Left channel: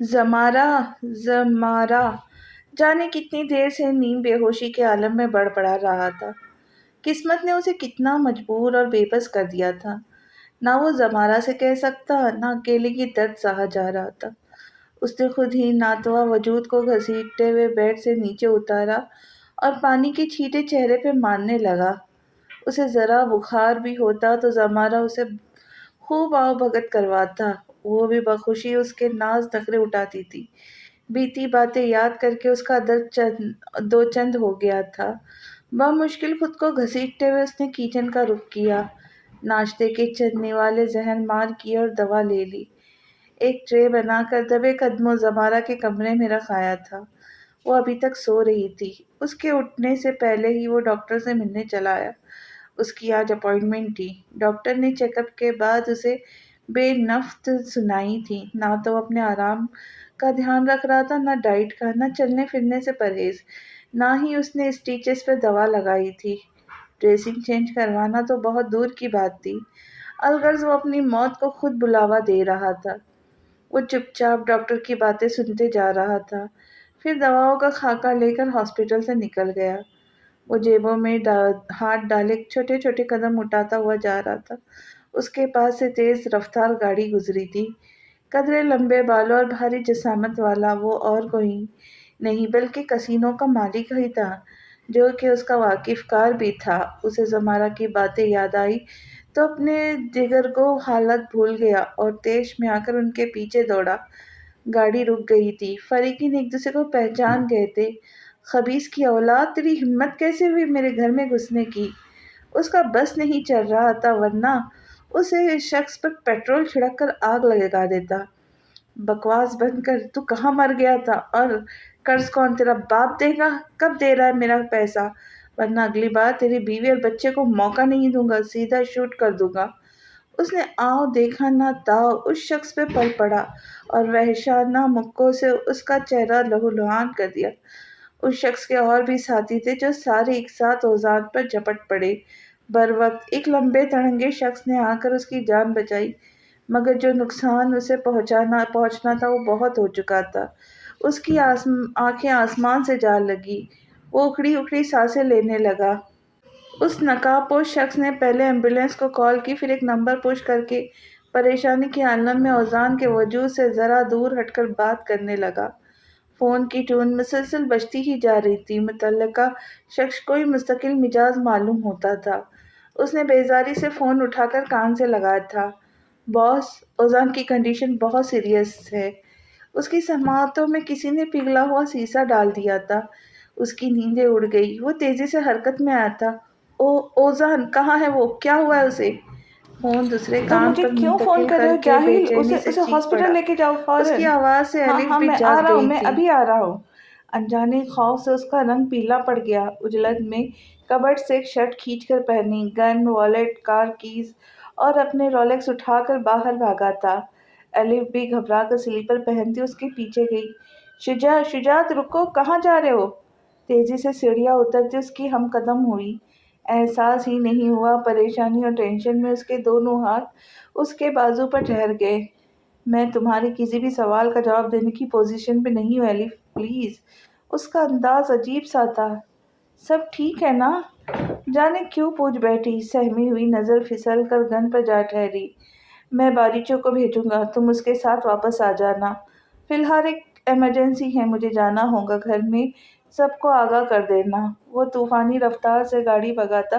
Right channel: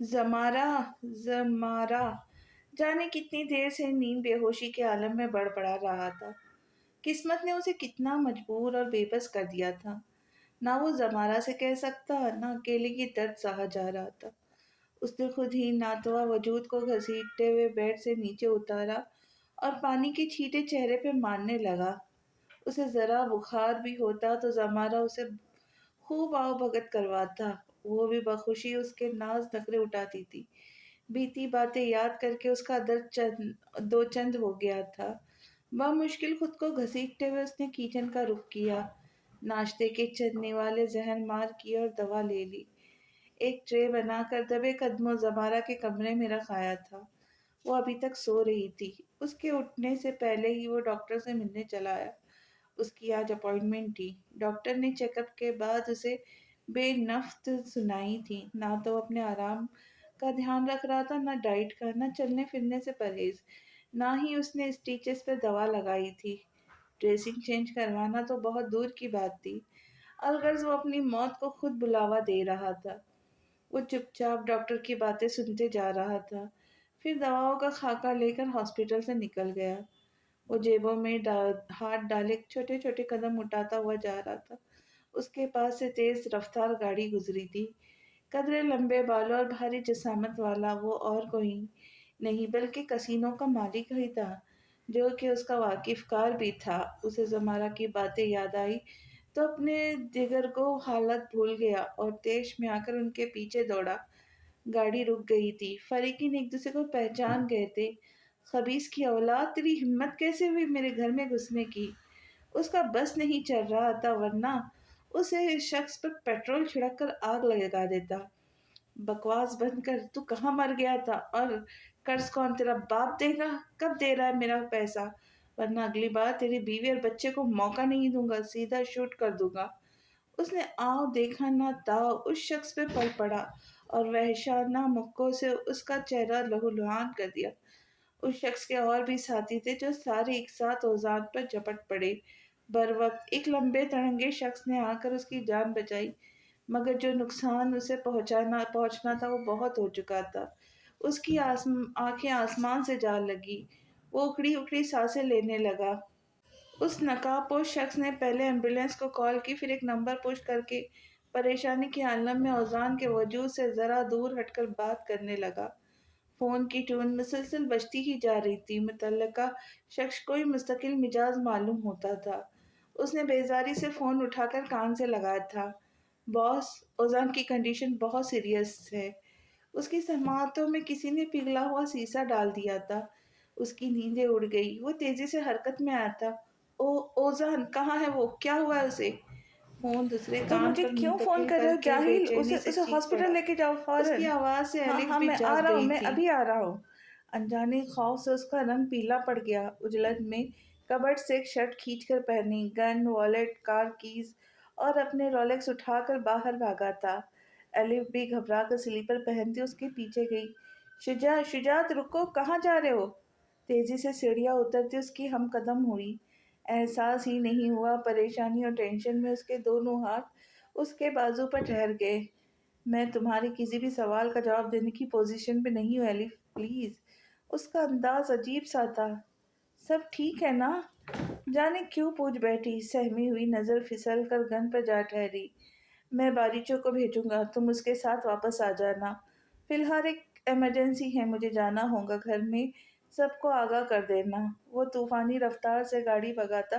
زمارہ زمارہ جانے کتنی دیر سے نیم بے ہوشی کے عالم میں بڑبڑا رہا تھا۔ قسمت نے اسے کتنا مجبور اور بے بس کر دیا تھا۔ نہ وہ زمارہ سے کہہ سکتا، نہ اکیلے کی درد سہا جا رہا تھا۔ اس نے خود ہی ناتواں وجود کو گھسیٹتے ہوئے بیڈ سے نیچے اتارا اور پانی کے چھینٹے چہرے پہ مارنے لگا۔ اسے ذرا بخار بھی ہوتا تو زمارہ اسے خوب آؤ بھگت کرواتا، وہ بھی بخوشی اس کے ناز نخرے اٹھاتی تھی۔ بیتی باتیں یاد کر کے اس کا درد دو چند ہو گیا تھا۔ بمشکل خود کو گھسیٹتے ہوئے اس نے کچن کا رخ کیا، ناشتے کے چند نوالے ذہن مار کیے اور دوا لے لی۔ ایک ٹرے بنا کر دبے قدموں زمارہ کے کمرے میں رکھ آیا تھا۔ وہ ابھی تک سو رہی تھی۔ اس کے اٹھنے سے پہلے ہی وہ ڈاکٹر سے ملنے چلا آیا۔ اس کی آج اپائنٹمنٹ تھی۔ ڈاکٹر نے چیک اپ کے بعد اسے بے نفت سنائی تھی۔ نہ تو وہ اپنے آرام کا دھیان رکھ رہا تھا، نہ ڈائٹ کا، نہ چلنے پھرنے سے پرہیز، نہ ہی اس نے اسٹیچز پہ دوا لگائی تھی۔ ڈریسنگ چینج کروانا تو بہت دور کی بات تھی، الغرض وہ اپنی موت کو خود بلاوا دے رہا تھا۔ وہ چپ چاپ ڈاکٹر کی باتیں سنتے جا رہا تھا، پھر دواؤں کا خاکہ لے کر ہاسپٹل سے نکل گیا۔ وہ جیبوں میں ہاتھ ڈالے چھوٹے چھوٹے قدم اٹھاتا ہوا جا رہا تھا۔ اس کے پاس سے تیز رفتار گاڑی گزری تھی۔ قدرے لمبے بالوں اور بھاری جسامت والا وہ اور کوئی نہیں بلکہ کسینوں کا مالک ہی تھا، جو کہ اس کا واقف کار بھی تھا۔ اسے زمارہ کی باتیں یاد آئی تو اپنے جگر کو حالت بھول گیا اور تیش میں آ کر ان کے پیچھے دوڑا۔ گاڑی رک گئی تھی۔ فریقین ایک دوسرے کو پہچان گئے تھے۔ خبیث کی اولاد، تیری ہمت کیسے ہوئی میرے گھر میں گھسنے کی؟ اس کا بس نہیں چل رہا تھا، ورنہ اسے اس شخص پر پیٹرول چھڑک کر آگ لگا دیتا۔ بکواس بند کر، تو کہاں مر گیا تھا؟ اور قرض کون تیرا باپ دے گا؟ کب دے رہا ہے میرا پیسہ؟ ورنہ اگلی بار تیری بیوی اور بچے کو موقع نہیں دوں گا، سیدھا شوٹ کر دوں گا۔ اس نے آؤ دیکھا نہ تاؤ اس شخص پہ پل پڑا اور وحشیانہ مکوں سے اس کا چہرہ لہولہان کر دیا۔ اس شخص کے اور بھی ساتھی تھے جو سارے ایک ساتھ اوزان پر جھپٹ پڑے۔ بروقت ایک لمبے تڑنگے شخص نے آ کر اس کی جان بچائی، مگر جو نقصان اسے پہنچنا تھا وہ بہت ہو چکا تھا۔ اس کی آنکھیں آسمان سے جا لگی، وہ اکھڑی اکھڑی سانسیں لینے لگا۔ اس نقاب پوش شخص نے پہلے ایمبولینس کو کال کی، پھر ایک نمبر پش کر کے پریشانی کے عالم میں اوزان کے وجود سے ذرا دور ہٹ کر بات کرنے لگا۔ فون کی ٹون مسلسل بجتی ہی جا رہی تھی۔ متعلقہ شخص کوئی مستقل مزاج معلوم ہوتا تھا۔ اس نے بیزاری سے فون اٹھا کر کان سے لگایا تھا۔ باس، اوزان کی کنڈیشن بہت سیریس ہے۔ اس کی سماعتوں میں کسی نے پگھلا ہوا سیسا ڈال دیا تھا۔ اس کی نیندیں اڑ گئی۔ وہ تیزی سے حرکت میں آیا تھا۔ اوزان کہاں ہے؟ وہ کیا ہوا ہے اسے؟ فون دوسرے تم کان مجھے پر کیوں فون منتقل کر رہے کر ہو کے بے جاہل؟ چینی سے اسے چیخ ہاسپٹل پڑا۔ لے کے جاؤ اس کی فوراً۔ آواز سے ہاں الف ہاں بھی میں آ جاگ رہا ہوں، گئی میں تھی۔ ابھی آ رہا ہوں۔ انجانے خوف سے اس کا رنگ پیلا پڑ گیا۔ اجلت میں کبرڈ سے ایک شرٹ کھینچ کر پہنی، گن، والیٹ، کار کیز اور اپنے رولیکس اٹھا کر باہر بھاگا تھا۔ الف بھی گھبرا کر سلیپر پہنتی اس کے پیچھے گئی۔ شجاعت رکو، کہاں جا رہے ہو؟ تیزی سے سیڑھیاں اترتی اس کی ہم قدم ہوئی۔ احساس ہی نہیں ہوا، پریشانی اور ٹینشن میں اس کے دونوں ہاتھ اس کے بازو پر ٹھہر گئے۔ میں تمہارے کسی بھی سوال کا جواب دینے کی پوزیشن پہ نہیں ہوں الف، پلیز۔ اس کا انداز عجیب سا تھا۔ سب ٹھیک ہے نا؟ جانے کیوں پوچھ بیٹھی، سہمی ہوئی نظر پھسل کر گن پر جا ٹھہری۔ میں باریچوں کو بھیجوں گا، تم اس کے ساتھ واپس آ جانا۔ فی الحال ایک ایمرجنسی ہے، مجھے جانا ہوگا، گھر میں سب کو آگاہ کر دینا۔ وہ طوفانی رفتار سے گاڑی بھگاتا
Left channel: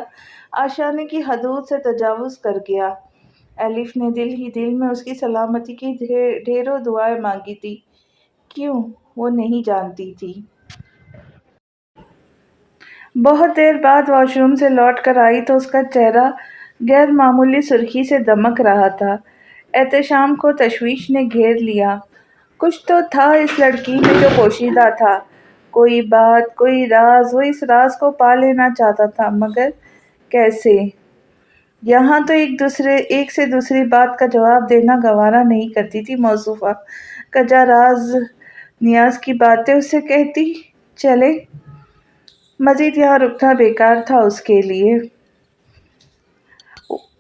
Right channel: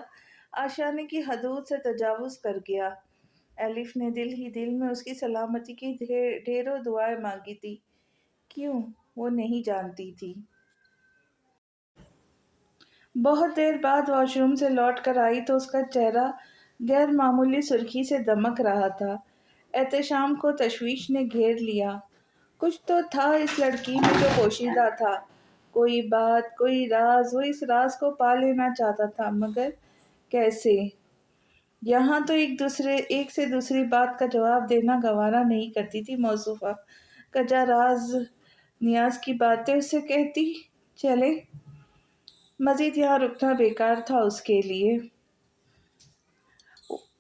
آشیانے کی حدود سے تجاوز کر گیا۔ الف نے دل ہی دل میں اس کی سلامتی کی ڈھیروں دعائیں مانگی تھی۔ کیوں؟ وہ نہیں جانتی تھی۔ بہت دیر بعد واش روم سے لوٹ کر آئی تو اس کا چہرہ غیر معمولی سرخی سے دمک رہا تھا۔ احتشام کو تشویش نے گھیر لیا۔ کچھ تو تھا اس لڑکی میں جو پوشیدہ تھا، کوئی بات، کوئی راز۔ وہ اس راز کو پا لینا چاہتا تھا، مگر کیسے؟ یہاں تو ایک سے دوسری بات کا جواب دینا گوارا نہیں کرتی تھی موصوفہ۔ کجا راز نیاز کی باتیں اس سے کہتی چلے۔ مزید یہاں رکنا بیکار تھا اس کے لیے۔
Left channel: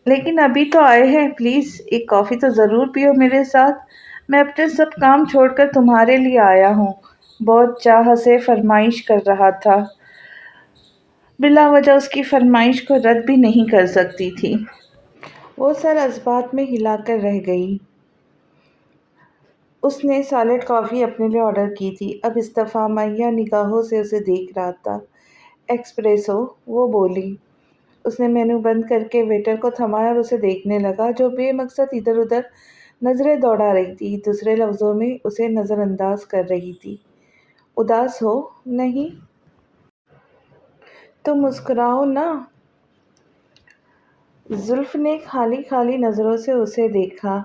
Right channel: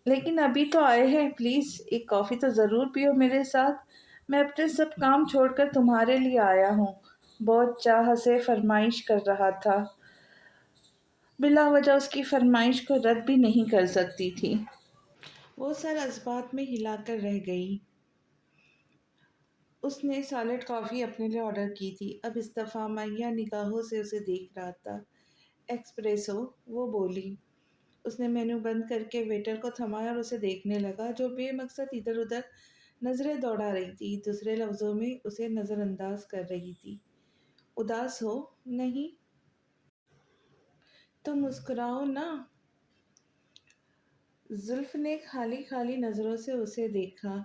لیکن ابھی تو آئے ہیں، پلیز ایک کافی تو ضرور پیو میرے ساتھ۔ میں اپنے سب کام چھوڑ کر تمہارے لیے آیا ہوں، بہت چاہ سے فرمائش کر رہا تھا۔ بلا وجہ اس کی فرمائش کو رد بھی نہیں کر سکتی تھی۔ وہ سر اثبات میں ہلا کر رہ گئی۔ اس نے سالڈ کافی اپنے لیے آرڈر کی تھی، اب استفہامیہ نگاہوں سے اسے دیکھ رہا تھا۔ ایکسپریسو، وہ بولی۔ اس نے مینو بند کر کے ویٹر کو تھمایا اور اسے دیکھنے لگا جو بے مقصد ادھر ادھر نظریں دوڑا رہی تھی، دوسرے لفظوں میں اسے نظر انداز کر رہی تھی۔ اداس ہو؟ نہیں۔ تو مسکراؤ نا۔ زلف نے خالی خالی نظروں سے اسے دیکھا۔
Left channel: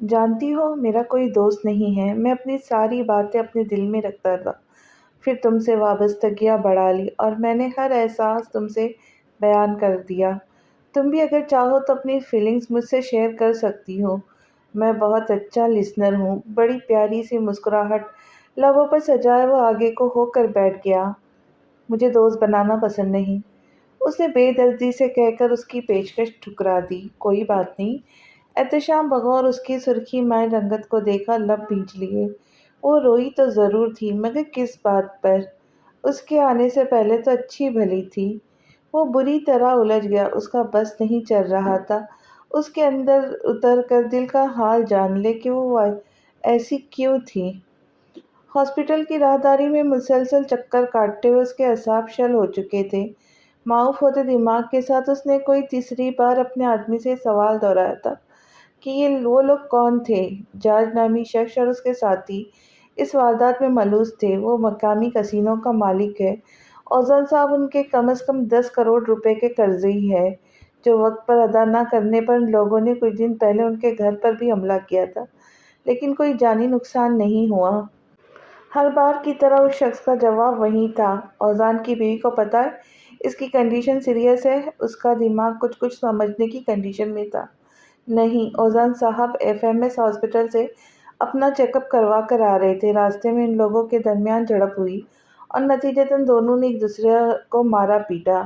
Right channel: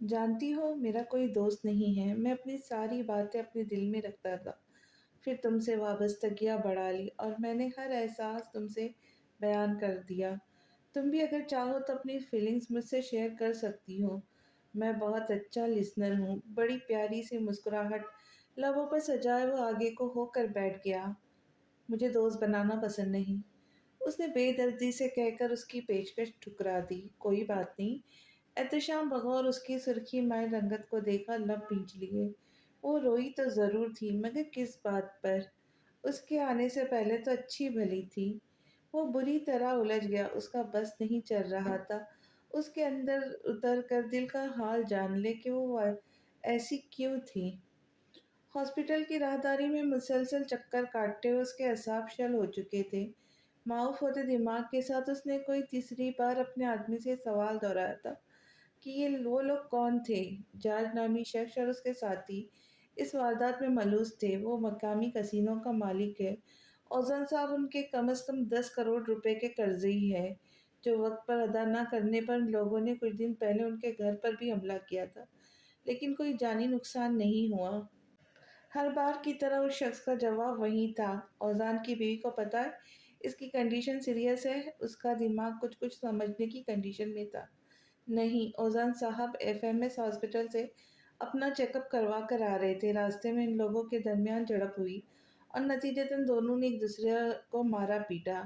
جانتی ہو، میرا کوئی دوست نہیں ہے۔ میں اپنی ساری باتیں اپنے دل میں رکھتا تھا، پھر تم سے وابستگیاں بڑھا لی اور میں نے ہر احساس تم سے بیان کر دیا۔ تم بھی اگر چاہو تو اپنی فیلنگز مجھ سے شیئر کر سکتی ہو۔ میں بہت اچھا لسنر ہوں۔ بڑی پیاری سی مسکراہٹ لبوں پر سجائے وہ آگے کو ہو کر بیٹھ گیا۔ مجھے دوست بنانا پسند نہیں، اس نے بے دردی سے کہہ کر اس کی پیشکش ٹھکرا دی۔ کوئی بات نہیں۔ احتشام بغور اس کی سرخی مائل رنگت کو دیکھا، لب بھینچ لیے۔ وہ روئی تو ضرور تھی، مگر کس بات پر؟ اس کے آنے سے پہلے تو اچھی بھلی تھی۔ وہ بری طرح الجھ گیا، اس کا بس نہیں چل رہا تھا اس کے اندر اتر کر دل کا حال جان لے کہ وہ ایسی کیوں تھی۔ ہاسپٹل کی راہداری میں مسلسل چکر کاٹتے ہوئے اس کے اعصاب شل ہو چکے تھے۔ معاف ہوتے دماغ کے ساتھ اس نے کوئی تیسری بار اپنے آدمی سے سوال دہرایا تھا کہ یہ وہ لوگ کون تھے؟ جارج نامی شخص اور اس کے ساتھی اس واردات میں ملوث تھے۔ وہ مقامی کسینوں کا مالک ہے۔ اوزان صاحب ان کے کم از کم 10 کروڑ روپے کے قرضی ہے جو وقت پر ادا نہ کرنے پر ان لوگوں نے کچھ دن پہلے ان کے گھر پر بھی حملہ کیا تھا، لیکن کوئی جانی نقصان نہیں ہوا۔ ہر بار کی طرح اس شخص کا جواب وہی تھا۔ اوزان کی بیوی کو پتہ ہے اس کی کنڈیشن سیریس ہے؟ اس کا دماغ کچھ سمجھنے کی کنڈیشن میں تھا۔ نہیں، اوزان صاحب ایف ایم ایس ہاسپٹل سے اپنا چیک اپ کروا کر آ رہے تھے۔ راستے میں ان لوگوں کے درمیان جھڑپ ہوئی اور نتیجتاً دونوں نے ایک دوسرے کو مارا پیٹا۔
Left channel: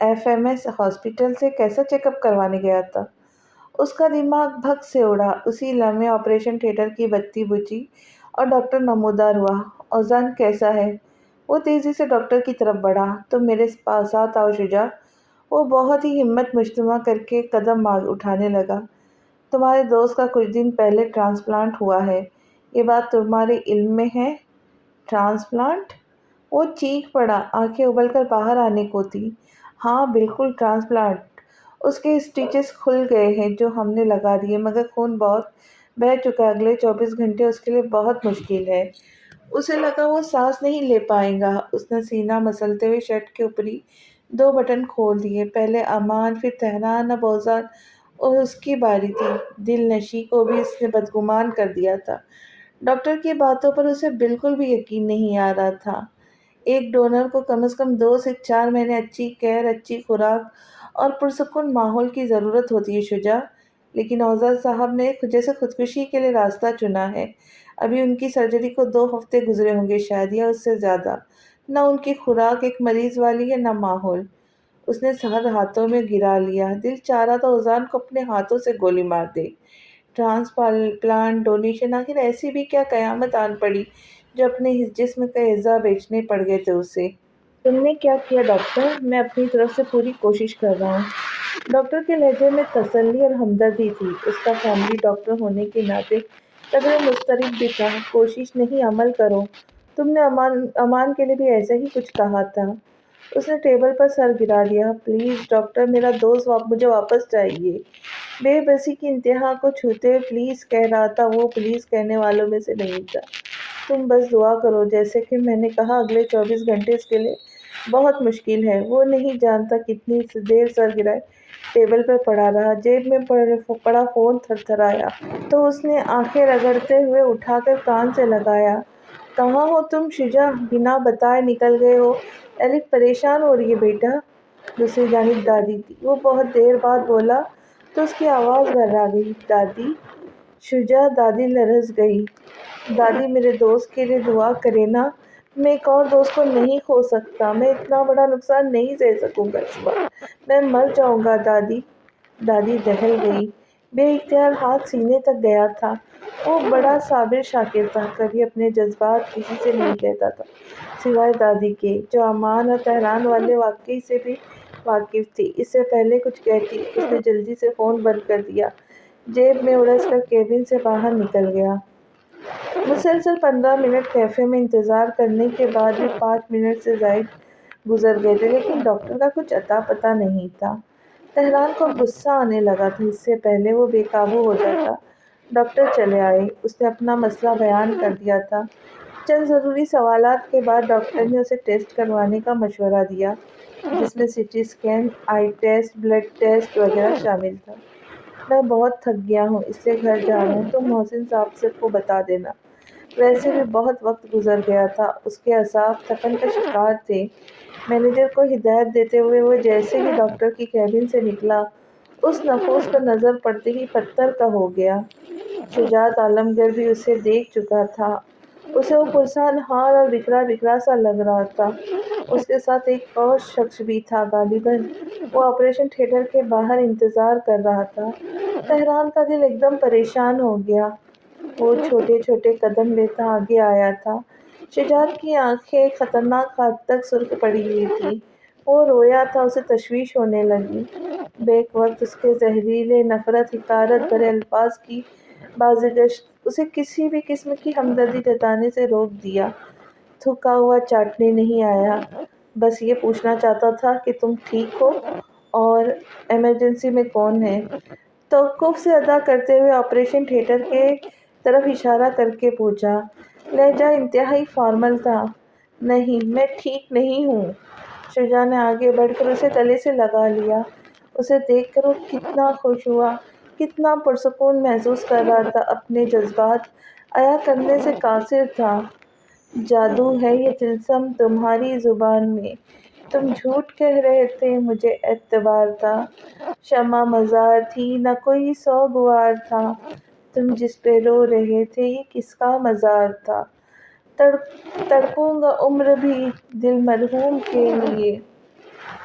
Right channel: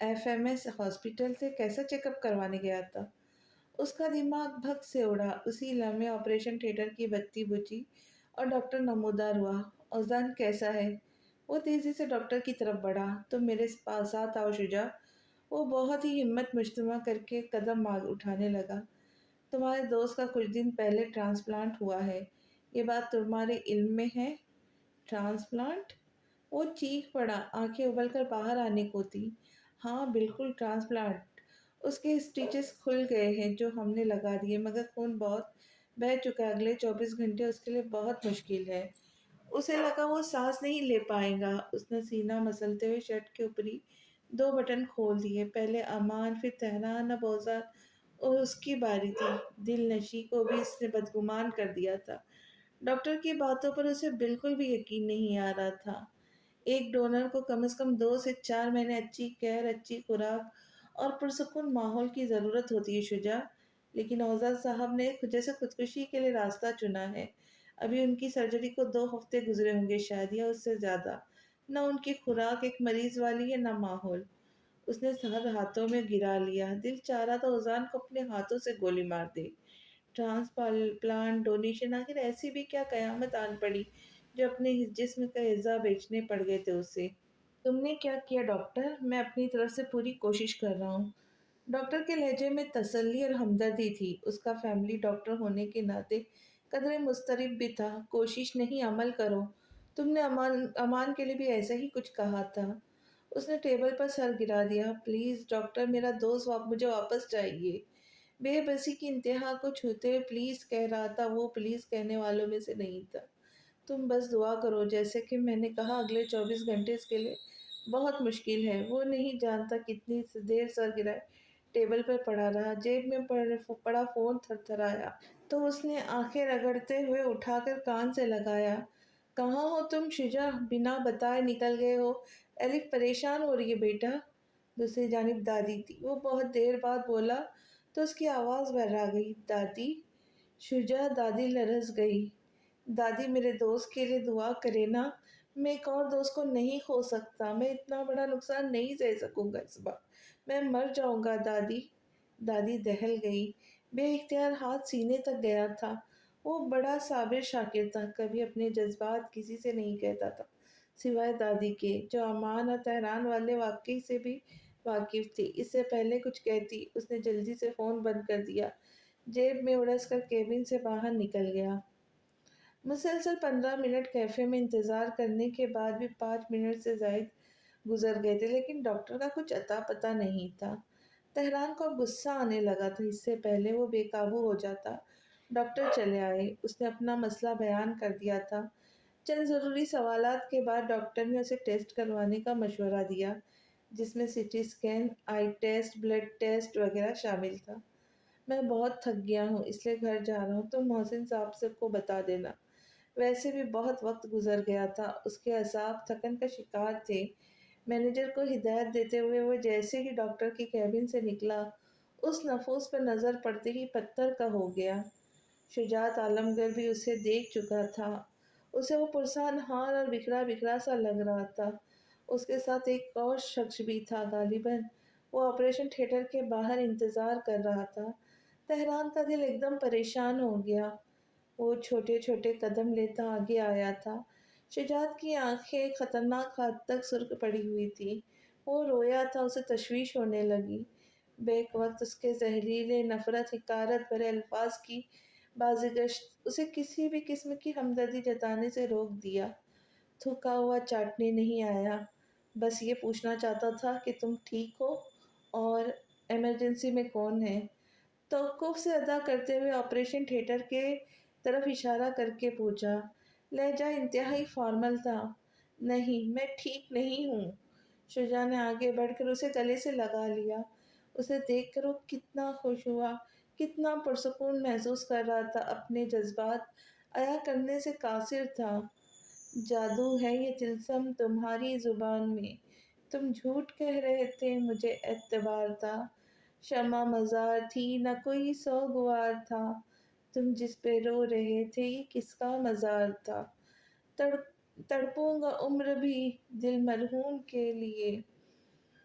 ایف ایم ایس ہاسپٹل سے کیسا چیک اپ کروانے گیا تھا؟ اس کا دماغ بھگ سے اڑا۔ اسی لمحے آپریشن تھیٹر کی بتی بجھی اور ڈاکٹر نمودار ہوا۔ اوزان کیسا ہے؟ وہ تیزی سے ڈاکٹر کی طرف بڑھا۔ تم میرے ساتھ آؤ شجاع۔ وہ بہت ہی ہمت مجتمع کر کے قدم اٹھانے لگا۔ تمہارے دوست کا کچھ دن پہلے ٹرانسپلانٹ ہوا ہے، یہ بات تمہارے علم میں ہے؟ ٹرانسپلانٹ؟ وہ چیخ پڑا، آنکھیں ابل کر باہر آنے کو تھی۔ ہاں بالکل ٹرانسپلانٹ۔ اس کے اسٹیچز کھل گئے ہیں جو ہم نے لگا دیے، مگر خون بہت بہہ چکا ہے۔ اگلے 24 گھنٹے اس کے لیے بہت مشکل ہے۔ اسے لگا وہ سانس نہیں لے پائے گا۔ اس نے سینہ مسلتے ہوئے شرٹ کے اوپری 2 بٹن کھول دیے۔ پہلے امان، پھر تہران، اب اوزان اور اس کی باری تھی۔ دل نشیں کو بھی اس نے بدگمان کر دیا تھا۔ ڈاکٹر کی باتوں پر اسے بالکل بھی یقین نہیں آ رہا تھا۔ ایک ڈونر کو کم از کم 2 سے 4 مہینے اچھی کیئر، اچھی خوراک اور پرسکون ماحول کی ضرورت ہوتی ہے شجاع، لیکن اوزان صاحب نے جیسے خودکشی کے لیے راستہ چنا ہے۔ ابھی ان کی سرجری کو 2 ہفتے گزرے ہوں گے شاید، یا اس سے زیادہ۔ نہ ان کی خوراک ایک مریض والی ہے، نہ ماحول۔ اس نے سر ہاتھوں میں گرا لیا۔ دل چاہ رہا تھا اوزان کو اپنے ہاتھوں سے گولی مار دے۔ ٹرانسپلانٹ، ڈونیشن، آخر ایسی بھی کیا قیامت آن پڑی جو اپنے جسم کا اعضاء بیچنے پڑ گئے تھے اسے؟ تم نے کیا کیا ڈاکٹر؟ میں اپنی طرف سے پوری کوشش کر رہا ہوں۔ ڈاکٹر کے لہجے میں تسلی اور ہمدردی تھی۔ اس کا فیملی ڈاکٹر ہونے کے ناطے قدرے مضطرب بھی تھا۔ کوشش نہیں، عمل کرو۔ تم نے امان کے لیے بھی ایسا ہی کچھ کہا تھا۔ اس نے ٹیبل پر سر گرا دیا۔ پلیز ڈاکٹر، میرا دوست مجھے واپس چاہیے۔ بے بسی کی انتہا کو چھوتے ہوئے پلیز کہہ رہا تھا وہ پلیز کہنے والوں میں سے نہیں تھا۔ تم بس دعا کرو، جیسے کہ میں نے کہا اگلے 24 گھنٹے اس کے لیے بہت مشکل ہے۔ وہ نہیں جانتا کتنی دیر سر گرائے ٹیبل پر پڑا رہا، جیب میں پڑا فون تھر تھرایا تو اس نے آنکھیں رگڑتے ہوئے اٹھا کر کان سے لگایا۔ کہاں ہو تم شجاع؟ بنا بتائے نکل گئے ہو۔ الف پریشان ہو رہی ہے بیٹا۔ دوسری جانب دادی تھی۔ وہ بہت دیر بعد بولا تو اس کی آواز گھبرا گئی۔ دادی؟ شجاع، دادی لرز گئی۔ دادی میرے دوست کے لیے دعا کریں نا۔ میں ایک اور دوست کو نہیں کھو سکتا۔ میں اتنا بڑا نقصان نہیں سہ سکوں گا اس بار۔ میں مر جاؤں گا دادی۔ دادی دہل گئی۔ بے اختیار ہاتھ سینے تک گیا تھا وہ بڑا صابر شاکر تھا، کبھی اپنے جذبات کسی سے نہیں کہتا تھا سوائے دادی کے، جو امان اور تہران والے واقعے سے بھی واقف تھی۔ اس سے پہلے کچھ کہتی اس نے جلدی سے فون بند کر دیا، جیب میں اڑس کر کیبن سے باہر نکل گیا۔ مسلسل 15 منٹ کیفے میں انتظار کرنے کے بعد بھی 5 منٹ سے زائد گزر گئے تھے، لیکن ڈاکٹر کا کچھ اتا پتہ نہیں تھا۔ تہران کو غصہ آنے لگا تھا، اس سے پہلے وہ بے قابو ہو جاتا۔ ڈاکٹر چلے آئے، اس نے اپنا مسئلہ بیان کر دیا تھا۔ چند ضروری سوالات کے بعد ڈاکٹر نے اسے ٹیسٹ کروانے کا مشورہ دیا، جس میں سی ٹی اسکین، آئی ٹیسٹ، بلڈ ٹیسٹ وغیرہ شامل تھا۔ میں بہت تھک گیا ہوں، اس لیے گھر جا رہا ہوں، تم محسن صاحب کو بتا دینا۔ ویسے بھی بہت وقت گزر گیا تھا، اس کے اعصاب تھکن کا شکار تھے۔ مینیجر کو ہدایت دیتے ہوئے وہ جیسے ہی ڈاکٹر کی کیبن سے نکلا، اس نفوس پر نظر پڑتے ہی پتھر کا ہو گیا۔ شجاعت عالمگیر بھی اسے دیکھ چکا تھا۔ اسے وہ پرسان حال اور بکھرا بکھرا سا لگ رہا تھا۔ اس کے ساتھ ایک اور شخص بھی تھا، غالباً وہ آپریشن تھیٹر کے باہر انتظار کر رہا تھا۔ تہران کا دل ایک دم پریشان ہو گیا۔ وہ چھوٹے چھوٹے قدم لیتا آگے آیا تھا۔ شجاعت کی آنکھیں خطرناک حد تک سرخ پڑی ہوئی تھیں۔ وہ رویا تھا، اسے تشویش ہونے لگی۔ بیک وقت اس کے زہریلے، نفرت، حقارت بھرے الفاظ کی بازگشت اسے کسی بھی قسم کی ہمدردی جتانے سے روک دیا۔ تھکا ہوا چاٹنے نہیں آیا، بس یہ پوچھنا چاہتا تھا کہ تم ٹھیک ہو اور ایمرجنسی میں کون ہے؟ توقف سے ادا کرتے ہوئے آپریشن تھیٹر کے طرف اشارہ کر کے پوچھا۔ لہجہ انتہائی فارمل تھا۔ نہیں، میں ٹھیک نہیں ہوں۔ شجاع نے آگے بڑھ کر اسے گلے سے لگا لیا۔ اسے دیکھ کر وہ کتنا خوش ہوا، کتنا پرسکون محسوس کر رہا تھا، اپنے جذبات عیاں کرنے سے قاصر تھا۔ جادو ہے یہ طلسم تمہاری زبان میں، تم جھوٹ کہہ رہے تھے، مجھے اعتبار تھا۔ شمع مزار تھی، نہ کوئی سوگوار تھا، تم جس پہ رو رہے تھے یہ کس کا مزار تھا۔ تڑپوں گا عمر بھی دل مرحوم کے لیے،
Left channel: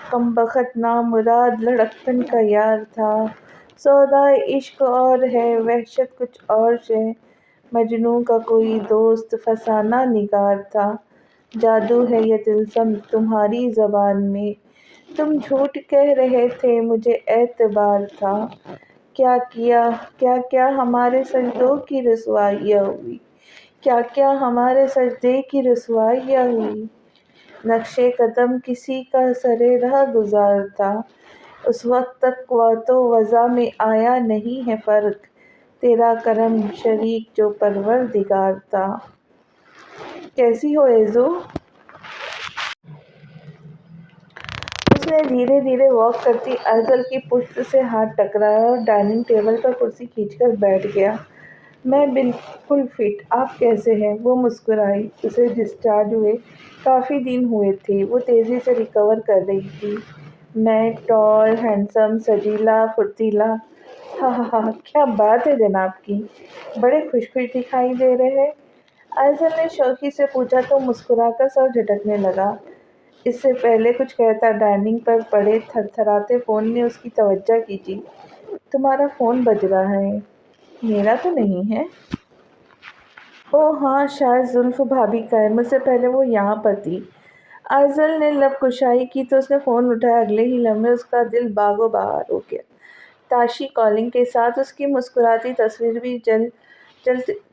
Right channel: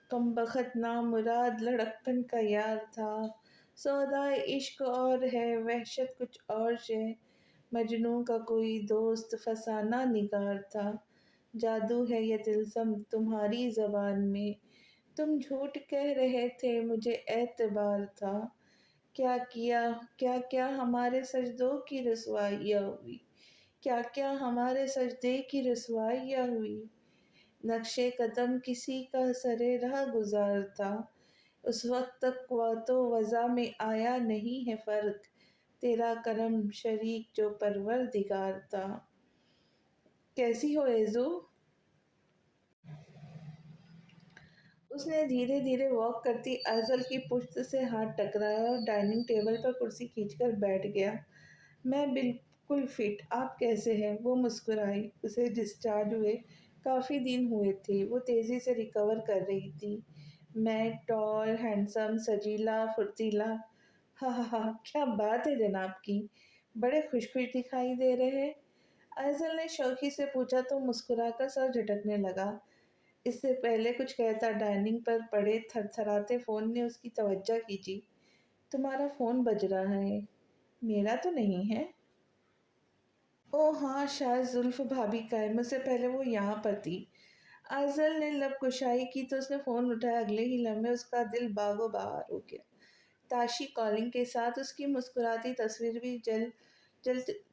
کمبخت نامراد لڑکپن کا یار تھا۔ سودائے عشق اور ہے، وحشت کچھ اور شے، مجنوں کا کوئی دوست فسانہ نگار تھا۔ جادو ہے یہ طلسم تمہاری زبان میں، تم جھوٹ کہہ رہے تھے، مجھے اعتبار تھا۔ کیا کیا، کیا کیا ہمارے سجدوں کی رسوائیاں ہوئی، کیا کیا ہمارے سجدے کی رسوائیاں ہوئی۔ نقشِ قدم کسی کا سرِ راہ گزار تھا، اس وقت تک قوت و وضع میں آیا نہیں ہے فرق، تیرا کرم شریک جو پروردگار تھا۔ کیسی ہو ایزو؟ اس نے دھیرے دھیرے واک کرتی ایزل کی پشت سے ہاتھ ٹکرایا اور ڈائننگ ٹیبل پر کرسی کھینچ کر بیٹھ گیا۔ میں بالکل فٹ، آپ کیسے ہیں؟ وہ مسکرائی۔ اسے ڈسچارج ہوئے کافی دن ہوئے تھے، وہ تیزی سے ریکور کر رہی تھی۔ میں ٹال، ہینڈسم، سجیلا، پھرتیلا۔ ہاں ہاں ہاں، کیا بات ہے جناب کی، بڑے خوش خوش دکھائی دے رہے ہیں۔ ایزل نے شوخی سے پوچھا تو مسکرا کر سر جھٹکنے لگا۔ اس سے پہلے کچھ کہتا ڈائننگ پر پڑے تھر تھراتے فون نے اس کی توجہ کھینچی۔ تمہارا فون بج رہا ہے، میرا تو نہیں ہے؟ اوہ ہاں، شاید زلف بھابھی کا ہے، مجھ سے پہلے وہ یہاں پر تھی۔ ایزل نے لب کشائی کی تو اس نے فون اٹھایا، اگلے ہی لمحے اس کا دل باغ و بہار ہو گیا۔ تاشی کالنگ کے ساتھ اس کی مسکراتی تصویر بھی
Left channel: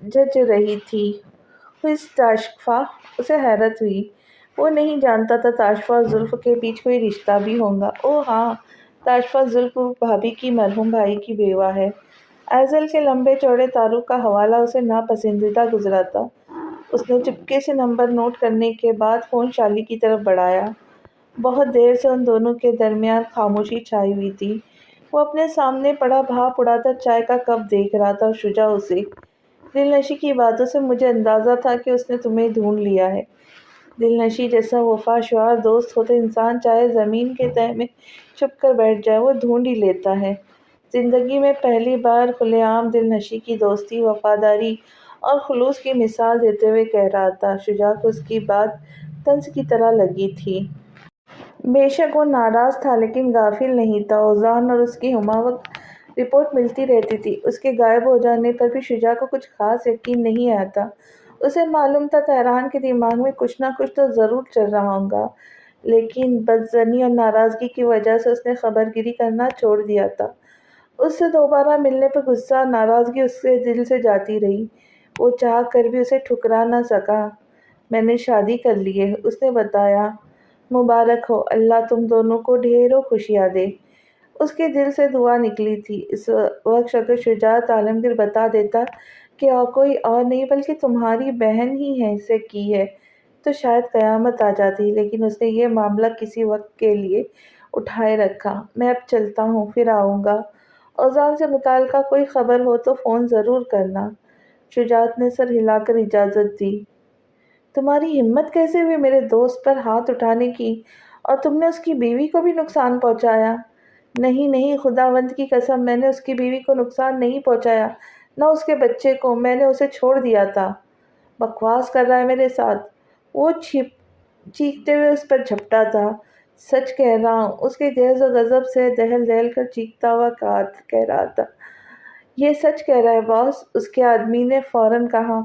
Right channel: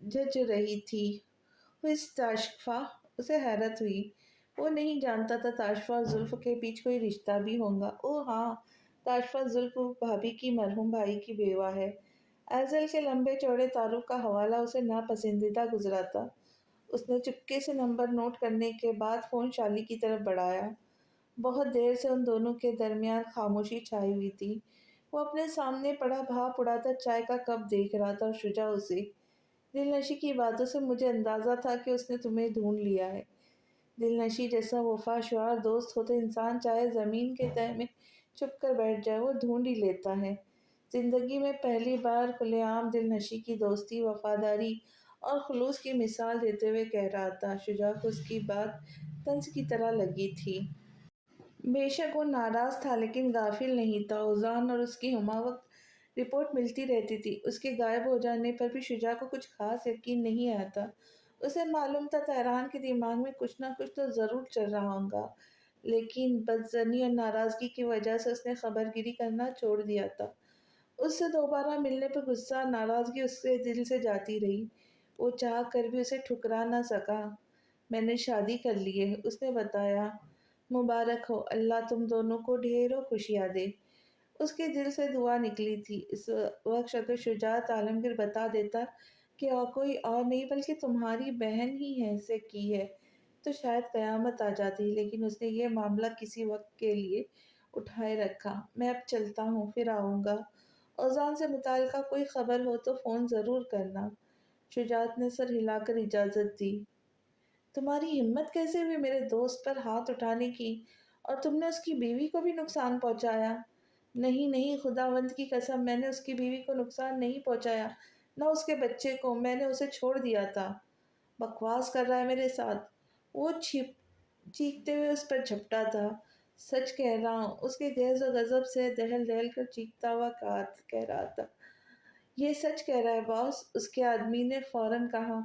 جج رہی تھی۔ "Who is تاشفا؟" اسے حیرت ہوئی۔ وہ نہیں جانتا تھا تاشفا اور زلف کے بیچ کوئی رشتہ بھی ہوگا۔ اوہ ہاں، تاشفا زلف بھابھی کی مرحوم بھائی کی بیوہ ہے۔ ایزل کے لمبے چوڑے تعارف کا حوالہ اسے ناپسندیدہ گزرا تھا۔ اس نے چپکے سے نمبر نوٹ کرنے کے بعد فون شالی کی طرف بڑھایا۔ بہت دیر سے ان دونوں کے درمیان خاموشی چھائی ہوئی تھی۔ وہ اپنے سامنے پڑا بھاپ اڑاتا چائے کا کپ دیکھ رہا تھا اور شجاع اسے۔ دلنشی کی باتوں سے مجھے اندازہ تھا کہ اس نے تمہیں ڈھونڈ لیا ہے۔ دلنشی جیسا وفا شعار دوست ہو تو انسان چاہے زمین کے تہہ میں چھپ کر بیٹھ جائے، وہ ڈھونڈ ہی لیتا ہے۔ زندگی میں پہلی بار کھلے عام دلنشی کی دوستی، وفاداری اور خلوص کی مثال دیتے ہوئے کہہ رہا تھا۔ شجاع کو اس کی بات طنز کی طرح لگی تھی۔ بے شک وہ ناراض تھا لیکن غافل نہیں تھا۔ اوزان اور اس کی ہمہ وقت رپورٹ ملتی رہتی تھی۔ اس کے غائب ہو جانے پر بھی شجاع کو کچھ خاص یقین نہیں آتا۔ اسے معلوم تھا تہران کے دماغ میں کچھ نہ کچھ تو ضرور چل رہا ہوگا، لیکن بدظنی اور ناراضگی کی وجہ سے اس نے خبر گیری کرنا چھوڑ دیا تھا۔ اس سے دوبارہ ملنے پر غصہ اور ناراضگی اس کے دل سے جاتی رہی۔ وہ چاہ کر بھی اسے ٹھکرا نہ سکا۔ میں نے شادی کر لی ہے، اس نے بتایا۔ مبارک ہو، اللہ تم دونوں کو ڈھیروں خوشیاں دے۔ اس کے دل سے دعا نکلی تھی۔ اس وقت اگر شجاعت عالمگیر بتا دیتا کہ کوئی اور نہیں بلکہ تمہاری بہن ہی ہے سے کی ہے تو شاید قیامت آ جاتی، لیکن اس نے یہ معاملہ کسی وقت کے لیے اٹھائے رکھا۔ میں اب چلتا ہوں، پھر آؤں گا۔ اوزان سے متعلقہ کوئی خبر ہو تو فون ضرور کرنا۔ شجاعت نے سر ہلا کر اجازت دی۔ تمہاری ہمت کیسے ہوئی میرے دوست پر ہاتھ اٹھانے کی، اور تم نے اس کی بیوی کو بھی نقصان پہنچایا؟ نہیں نہیں، خداوند کی قسم، میں نے اس کی بیوی کو نقصان نہیں پہنچایا، نہ اس کے بچے کو۔ میں نے اسے چھوڑ دیا تھا۔ بکواس کر رہا ہے میرے ساتھ؟ وہ چیختے ہوئے اس پر جھپٹا تھا۔ سچ کہہ رہا ہوں، اس کے غیظ و غضب سے دہل دہل کر چیختا ہوا کہہ رہا تھا۔ یہ سچ کہہ رہا ہے باس، اس کے آدمی نے فوراً کہا۔